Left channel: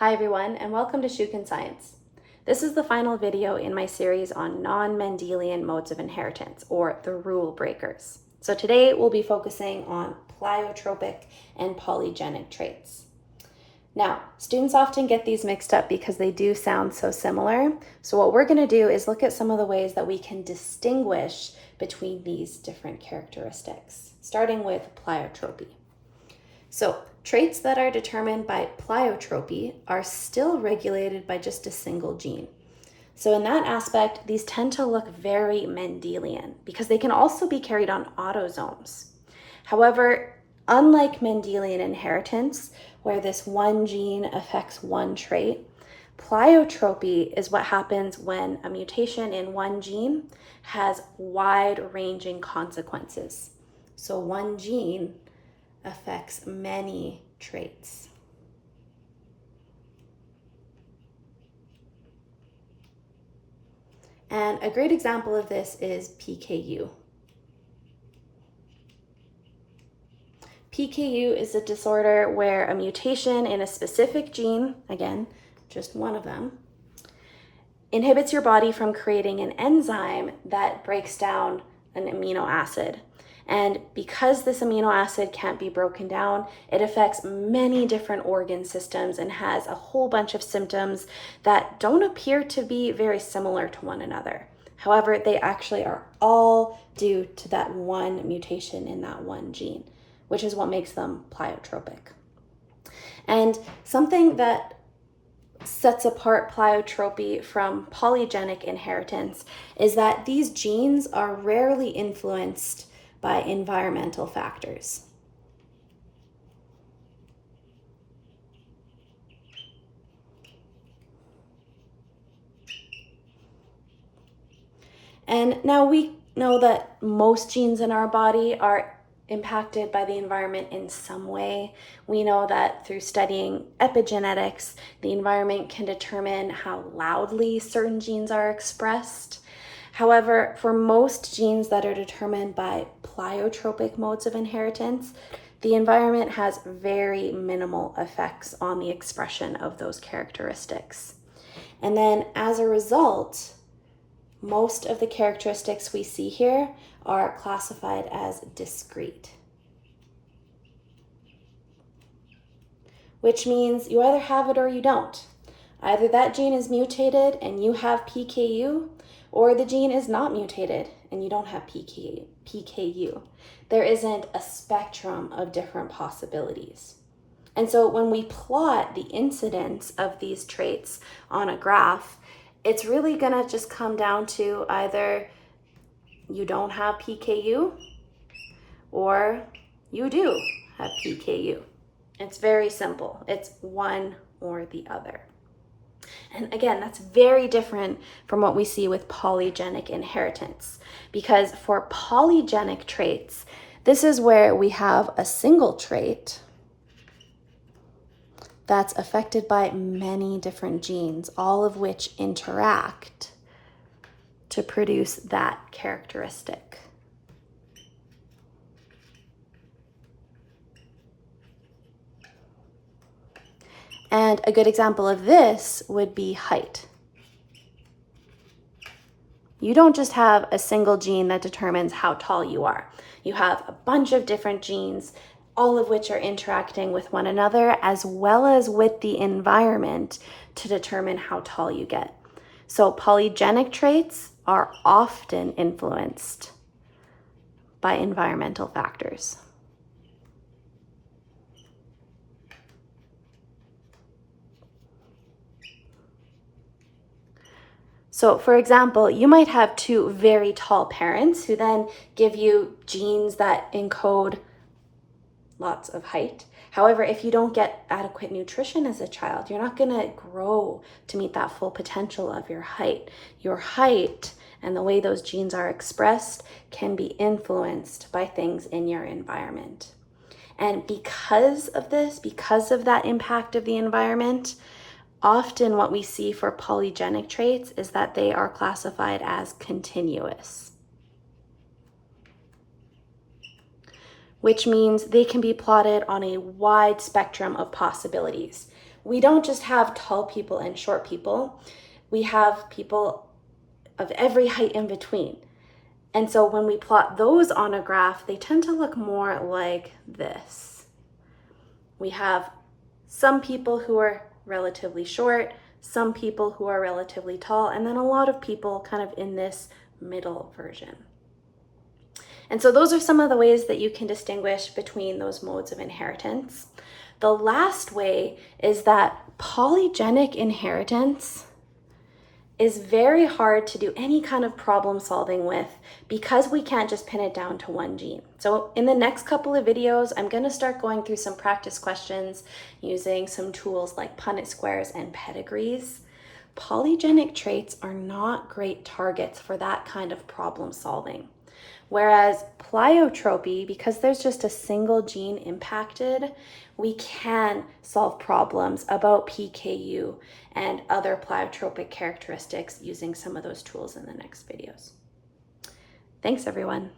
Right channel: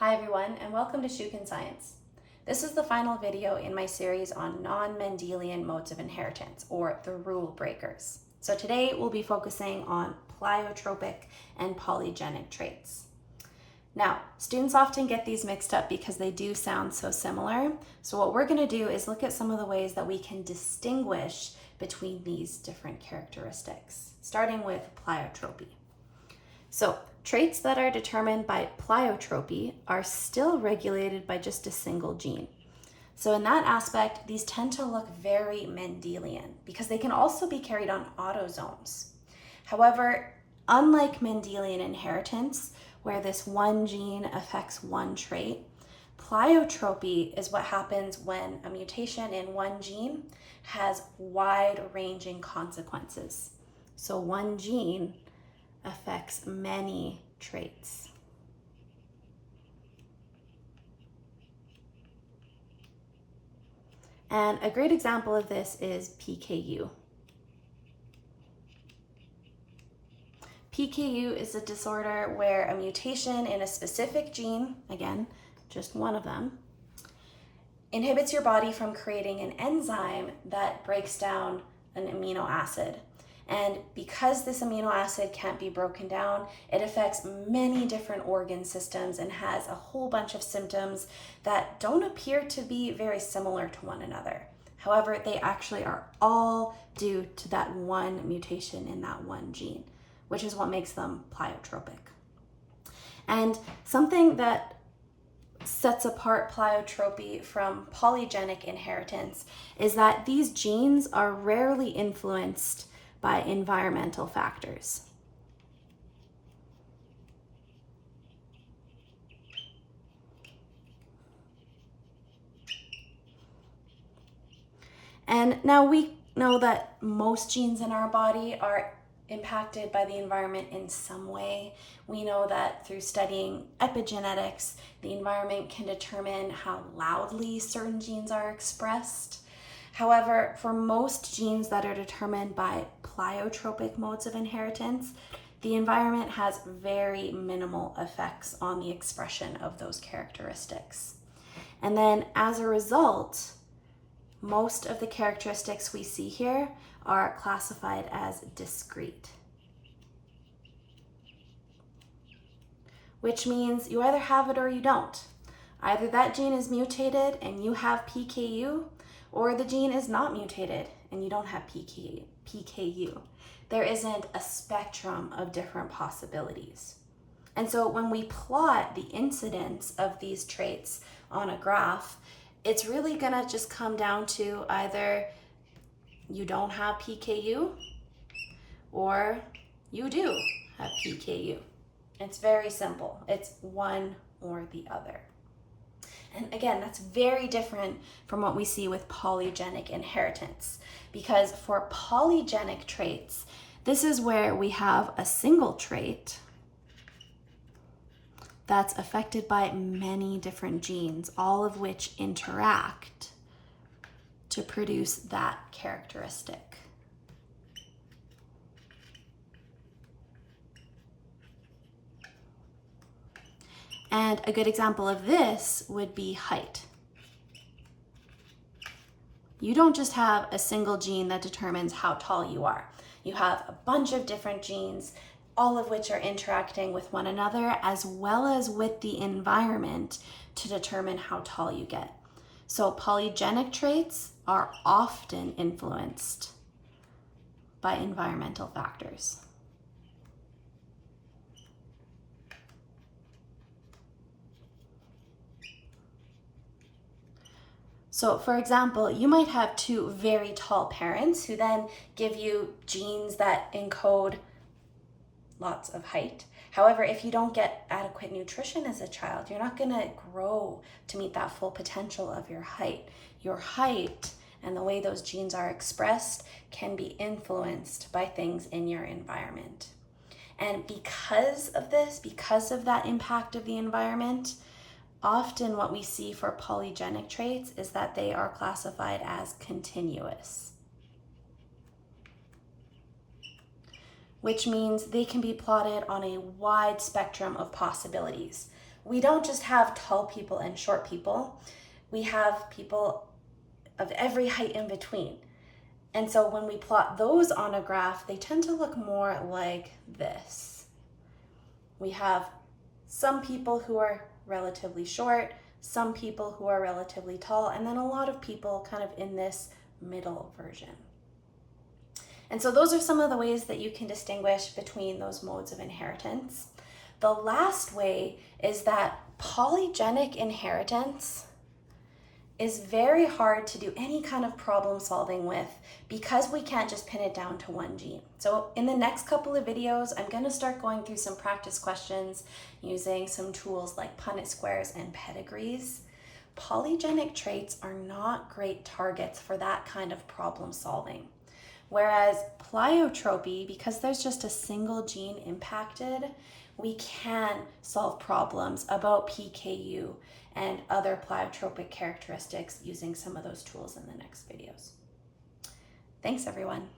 Hi everyone, and welcome to Shukin Science. This is the final video in my series on non-Mendelian modes of inheritance, or the rule breakers. So today we'll be focusing on pleiotropic and polygenic traits. Now, students often get these mixed up because they do sound so similar. So what we're going to do is look at some of the ways that we can distinguish between these different characteristics, starting with pleiotropy. So traits that are determined by pleiotropy are still regulated by just a single gene. So in that aspect, these tend to look very Mendelian because they can also be carried on autosomes. However, unlike Mendelian inheritance, where this one gene affects one trait, pleiotropy is what happens when a mutation in one gene has wide-ranging consequences. So one gene affects many traits. And a great example of this is PKU. PKU is a disorder where a mutation in a specific gene, again, just one of them, inhibits your body from creating an enzyme that breaks down an amino acid. And because this amino acid can't be broken down, it affects many different organ systems and has a whole bunch of symptoms that don't appear to be very similar to one another. However, they actually are all due to that one mutation in that one gene, which is what makes them pleiotropic. And something that sets apart pleiotropy from polygenic inheritance is that these genes are rarely influenced by environmental factors. And now we know that most genes in our body are impacted by the environment in some way. We know that through studying epigenetics, the environment can determine how loudly certain genes are expressed. However, for most genes that are determined by pleiotropic modes of inheritance, the environment has very minimal effects on the expression of those characteristics. And then as a result, most of the characteristics we see here are classified as discrete, which means you either have it or you don't. Either that gene is mutated and you have PKU, or the gene is not mutated and you don't have PKU. There isn't a spectrum of different possibilities. And so when we plot the incidence of these traits on a graph, it's really gonna just come down to either you don't have PKU or you do have PKU. It's very simple. It's one or the other. And again, that's very different from what we see with polygenic inheritance, because for polygenic traits, this is where we have a single trait that's affected by many different genes, all of which interact to produce that characteristic. And a good example of this would be height. You don't just have a single gene that determines how tall you are. You have a bunch of different genes, all of which are interacting with one another as well as with the environment to determine how tall you get. So polygenic traits are often influenced by environmental factors. So for example, you might have two very tall parents who then give you genes that encode lots of height. However, if you don't get adequate nutrition as a child, you're not gonna grow to meet that full potential of your height. Your height and the way those genes are expressed can be influenced by things in your environment. And because of this, because of that impact of the environment, often what we see for polygenic traits is that they are classified as continuous, which means they can be plotted on a wide spectrum of possibilities. we don't just have tall people and short people, we have people of every height in between. And so when we plot those on a graph, they tend to look more like this. We have some people who are relatively short, some people who are relatively tall, and then a lot of people kind of in this middle version. And so those are some of the ways that you can distinguish between those modes of inheritance. The last way is that polygenic inheritance is very hard to do any kind of problem solving with because we can't just pin it down to one gene. So in the next couple of videos, I'm going to start going through some practice questions using some tools like Punnett squares and pedigrees. Polygenic traits are not great targets for that kind of problem solving. Whereas pleiotropy, because there's just a single gene impacted, we can solve problems about PKU and other pleiotropic characteristics using some of those tools in the next videos. Thanks, everyone.